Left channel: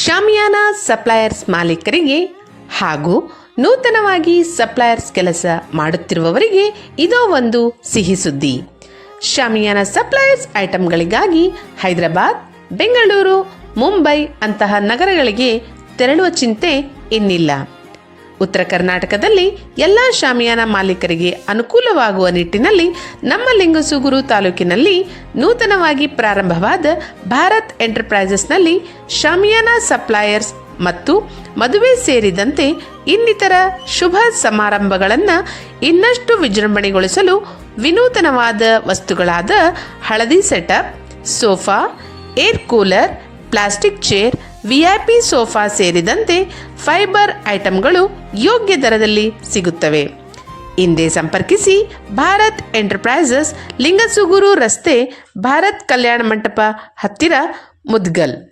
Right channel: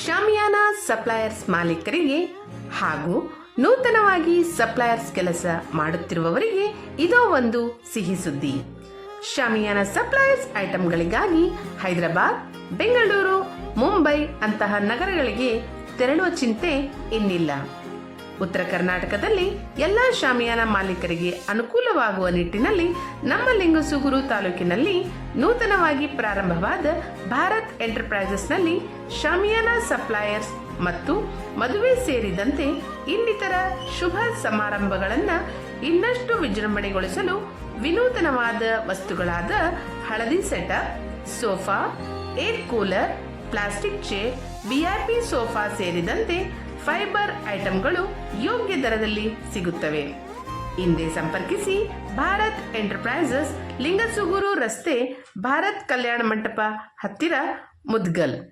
ಶಾಮಿಯಾನ suppliers ಮಾಲೀಕರಿಗೆ ಹಾಗೂ ನೂತನವಾಗಿ ಸಪ್ಲೈಯರ್ಸ್ ಕೆಲಸ ಮಾಡುತ್ತಿರುವವರಿಗೆ ಇದೋ ಒಂದು ಸಿಹಿ ಸುದ್ದಿ. ಶಾಮಿಯಾನ ಸಪ್ಲೈಯರ್ಸ್ ಐಟಂಗಳಿಗಾಗಿ ಹೈದರಾಬಾದ್, ಬೆಂಗಳೂರು, ಮುಂಬೈ ಅಂತಹ ನಗರಗಳಿಗೆ ತೆರಳುವ ಚಿಂತೆ ಇನ್ನಿಲ್ಲ. ಉತ್ತರ ಕರ್ನಾಟಕದಲ್ಲಿ ಎಲ್ಲ ಶಾಮಿಯಾನ ಮಾಲೀಕರಿಗೆ ಅನುಕೂಲವಾಗುವ ನಿಟ್ಟಿನಲ್ಲಿ ನಮ್ಮ ಲಿಂಗಸೂಗೂರು ತಾಲೂಕಿನಲ್ಲಿ ನೂತನವಾಗಿ ಪ್ರಾರಂಭವಾದ ಭಾರತ್ ಎಂಟರ್ಪ್ರೈಸಸ್ನಲ್ಲಿ ಶಾಮಿಯಾನ ಸಪ್ಲೈಯರ್ಸ್ ಮತ್ತು ಮದುವೆ ಸೇರಿದಂತೆ ಇನ್ನಿತರ ಶುಭ ಸಮಾರಂಭಗಳನ್ನು ಇನ್ನಷ್ಟು ವಿಜೃಂಭಣೆಗೊಳಿಸಲು ವಿನೂತನವಾದ ವಸ್ತುಗಳಾದ ಹಳದಿ setup, sofa, air cooler, plastic chair, VIP sofa ಸೇರಿದಂತೆ ಫೈಬರ್ ಐಟಂಗಳು ಯೋಗ್ಯ ದರದಲ್ಲಿ ಸಿಗುತ್ತವೆ. ಹಿಂದೆ ಸಂಪರ್ಕಿಸಿ ಭಾರತ್ ಎಂಟರ್ಪ್ರೈಸಸ್, ಲಿಂಗಸೂಗೂರು ರಸ್ತೆ, ಭಾರತ್ ಕಲ್ಯಾಣ ಮಂಟಪ ಹತ್ತಿರ, ಮುದ್ಗಲ್.